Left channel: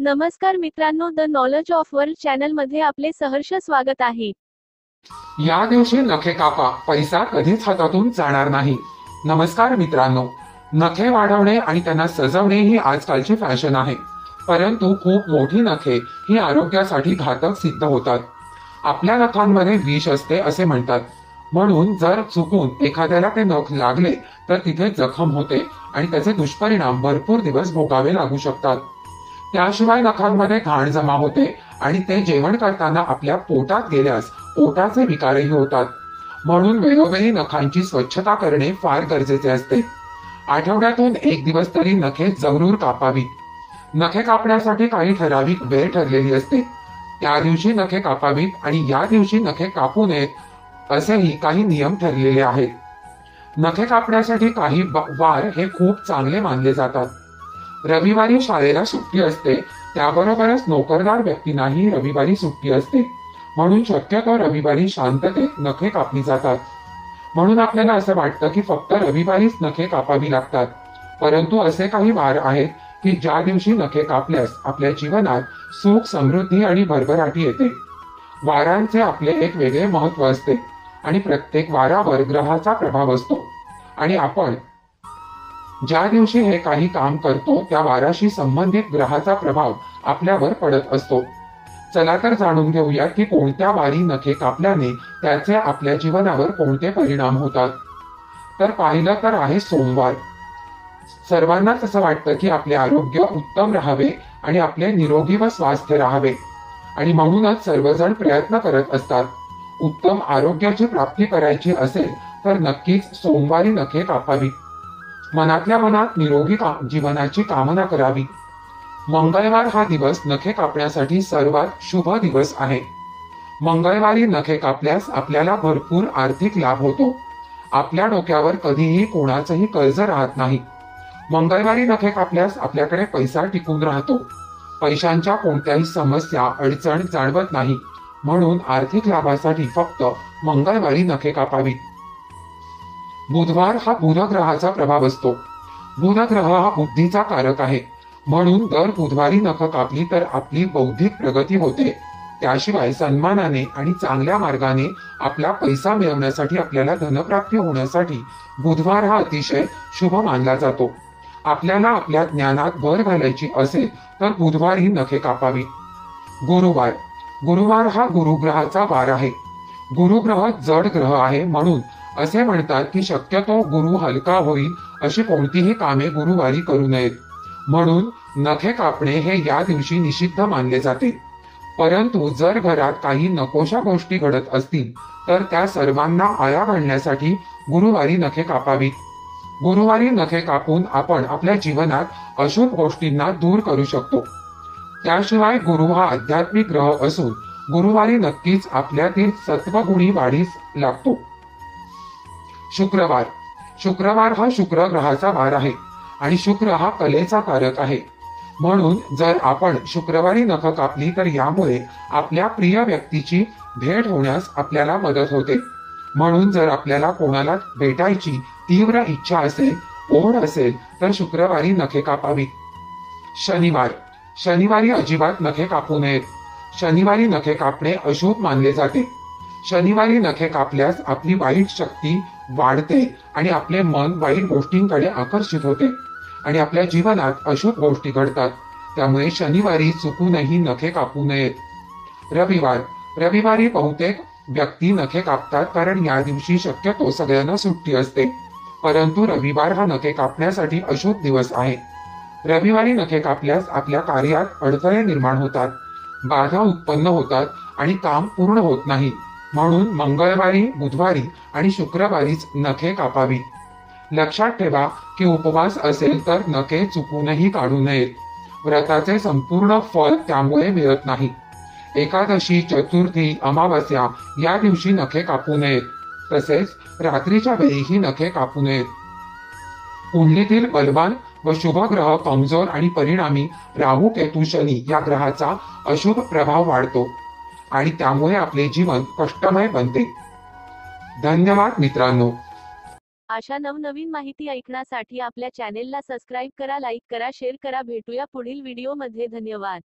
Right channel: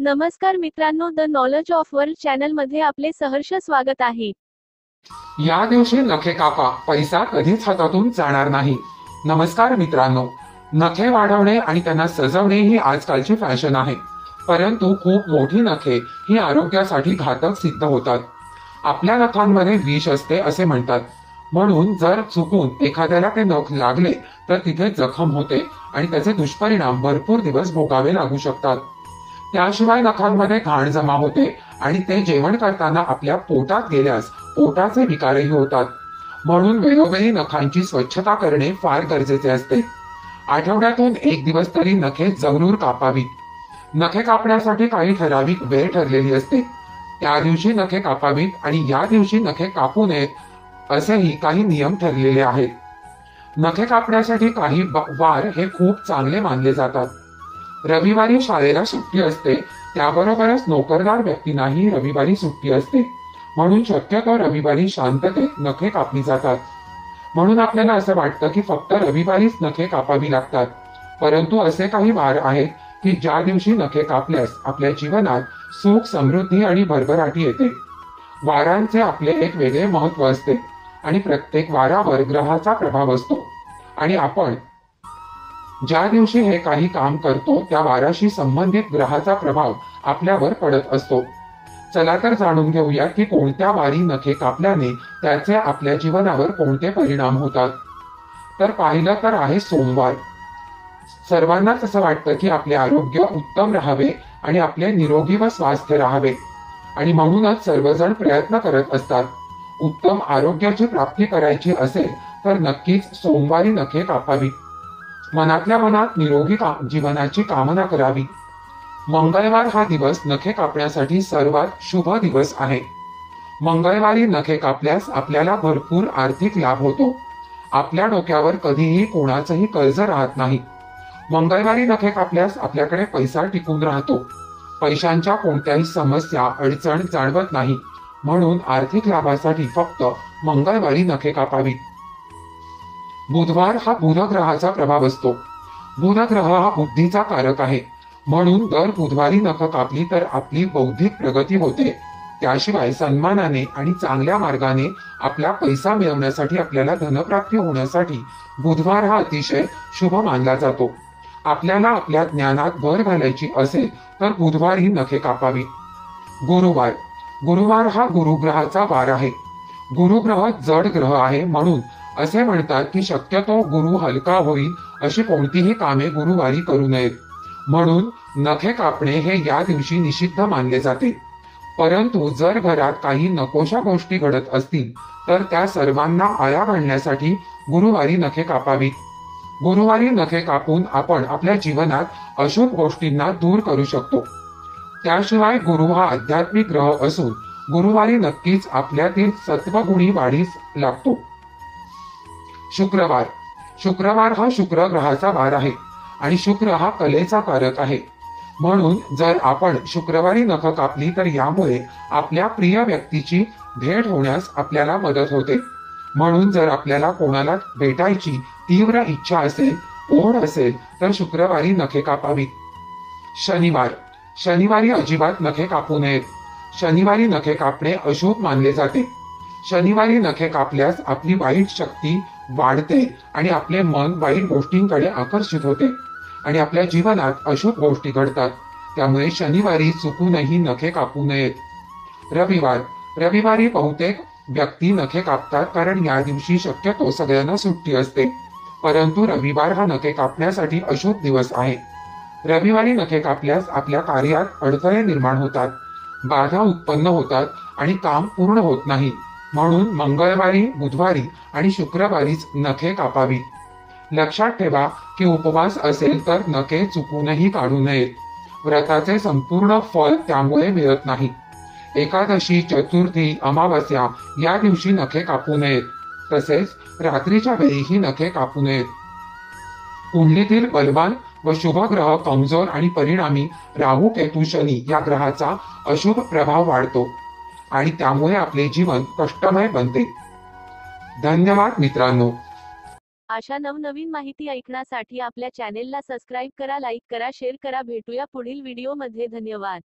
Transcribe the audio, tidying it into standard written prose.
नमस्कार मित्रांनो, the knowledge of world channel मध्ये आपले सहर्ष स्वागत आहे। या दिवशी नखे कापा, पैसा कधीच हातातून जाणार नाही। नमस्कार मित्रांनो, नखे वाढवणे आणि त्यांना सजवणे ही आजकालची फॅशन आहे, परंतु खूप मोठी नखे ही आरोग्यासाठी घातक सिद्ध होतात। आपल्या नखांमध्ये विष असते असे म्हणतात, म्हणून जर चुकून एखाद्याला ते नख लागले तर तिथे जखम होते आणि त्याचे दुष्परिणाम भरपूर दिवस भोगावे लागू शकतात। त्याशिवाय नखांमध्ये घाण जमा होते आणि ते जेवण करताना आपल्या पोटात गेल्यास पोटाचे विकारही होतात, म्हणून वेळोवेळी नखांची स्वच्छता करणे फार गरजेचे असते। आठवड्यातून एक दिवस तरी नखे जरूर कापावी। नखे कापण्यासाठी काही ठराविक वेळ ठरलेली असते, त्या दिवशी नखे कापावीत आणि या दिवशी नखे कापू नयेत असेही काही नियम ठरलेले आहेत। नखे कापण्यासाठी काही वार हे खूप चांगले मानले जातात। रविवारी शाळेला सुट्टी असते, त्याबरोबरच नोकरदार व्यक्तींनाही रविवारी सुट्टी असते, म्हणून शक्यतो रविवारी शांततेत नखे कापली जातात। म्हणून आपल्याला असं वाटतं की फक्त रविवारीच नखे कापावी लागतात, परंतु असे काही वार आहेत की ज्या दिवशी नखे कापल्यास आपल्या जीवनात सुख, समृद्धी आणि भरभराटी येते। वारांचे आपले एक वेगळे महत्व असते आणि प्रत्येक वारावर ग्रहाचा प्रभाव असतो आणि आपण ज्या दिवशी हे काही काम करतो त्या वाराशी संबंधित ग्रहाचा प्रभाव आपल्यावर पडत असतो। चला तर जाणून घेऊया की कोणत्या वारी नखे कापल्याने त्याचे आपल्या जीवनावर कोणते परिणाम होतात। तर पाहिलं तर आहे सोमवार। सर्वांनाच असं वाटतं की आपले आरोग्य उत्तम राहावे आणि आपले निरोगी व स्वास्थ्य राहावे, आणि म्हणूनच सर्वजण प्रयत्न करत असतात। उत्तम आरोग्याची प्राप्ती करायची असेल तर नक्कीच सोमवारी नखे कापावी। मनातल्या मनात निरोगी जीवनाची कामना करावी। मंगळवार हा दिवस नखे कापण्यासाठी सर्वात शुभ दिवस आहे। मंगळवारी नखे कापल्यास आपल्याला भरपूर आर्थिक लाभ होतो। आपल्या डोक्यावर कधीही कोणाचंही कर्ज राहत नाही। मंगळवारी नखे कापल्यास आपल्याकडे पैसा टिकून राहतो। पैशांच्या कोणत्याही समस्या, अडचण जाणवत नाही, म्हणून आर्थिक लाभासाठी फक्त मंगळवारी नखे कापावी। बुधवार हा बुध ग्रहाचा प्रभाव असतो। बुध ग्रह हा बुद्धीचा कारक आहे, म्हणून दर बुधवारी नख कापली तर आपली बौद्धिक प्रगती होते। त्याशिवाय सन्मानाने आणि चांगल्या मार्गाने आपला पैसा मिळवण्यासाठी, आपल्याला धनप्राप्ती होण्यासाठी बुधवार हा अतिशय शुभ मानला जातो। आपल्याला आपल्या ज्ञानात भर घालायची असेल तर बुधवारी नखे कापावी। गुरुवार गुरुवार हा गुरुग्रहाचा वार आहे। गुरुग्रह जड ग्रह आहे, म्हणून असे म्हणतात की शक्यतो गुरु हलका होईल अशी कोणतीही कामे गुरुवारी करू नयेत, म्हणून नखे कापणे हे या दिवशी निषिद्ध मानले जाते। परंतु जर घरात काही नकोशा गोष्टी घडत असतील तर त्या सर्वांना आळा घालण्यासाठी गुरुवारी नखे कापावी। गुरुवारी नखे कापून आपण आपल्या जीवनात अशुभ गोष्टींना दूर करू शकतो। त्याशिवाय गुरु हा आध्यात्मिक ग्रह असून गुरुवारी नक्कीच आपल्यातील सत्वगुणी वाढीस लागतो। शुक्रवार शुक्रवार हा शुक्र ग्रहाचा वार आहे आणि शुक्र हा कलेचा कारक आहे, म्हणून जर आपण शुक्रवारी नख कापली तर यामुळे आपल्या प्रिय व्यक्तीची भेट होण्यास आपल्याला मदत होते। म्हणून जर आपल्याला कोणाला भेटायची तीव्र इच्छा असेल, ओढ असेल तर शुक्रवारी नखे कापावी। शनिवार शनिवारी अजिबात नखे कापू नयेत। शनिवारी नखे कापणे अशुभ मानले जाते। शनिवारी नखे कापल्यास आपली वाईट शक्ती वाढते आणि आपले मन वाईट गोष्टींकडे आकर्षित होते आणि आपल्या जीवनात अशुभ गोष्टी घडतात। त्यामुळे शनिवारी चुकूनही नखे कापू नयेत। रविवार रविवारी बहुतेक व्यक्ती नखे कापतात, कारण या दिवशी शक्यतो सगळ्यांना सुट्टी असते, परंतु रविवार हा नखे कापण्यासाठी अशुभ दिवस आहे। रविवारी नखे कापल्यास आपल्या कार्यात अडथळे निर्माण होतात, बाधा उत्पन्न होतात आणि काम पूर्ण होत नाही, म्हणून मंगळवारी, बुधवारी आणि शुक्रवारीच नखे कापावी। लक्षात ठेवा की उपवास असेल तर नखे चुकूनही काढू नयेत। व्रताचे संपूर्ण फळ त्यामुळे मिळत नाही। एकादशी, चतुर्थी, अमावस्या या दिवशी नखे कापू नयेत, तसेच रात्रीच्या वेळीही नखे कापू नयेत। कुंडलीतील बलवान व शुभ ग्रह कमजोर आणि परिणामी राहू, केतू, शनी या ग्रहाचा अशुभ प्रभाव वाढतो आणि त्यामुळे आपले जीवन कष्टमय बनते। धन्यवाद मित्रांनो। अशा नवनवीन माहिती ऐकण्यासाठी आपल्या चॅनेलला सबस्क्राईब करा, लाईक करा, शेअर करा. भेटूया पुढील व्हिडिओमध्ये. धन्यवाद.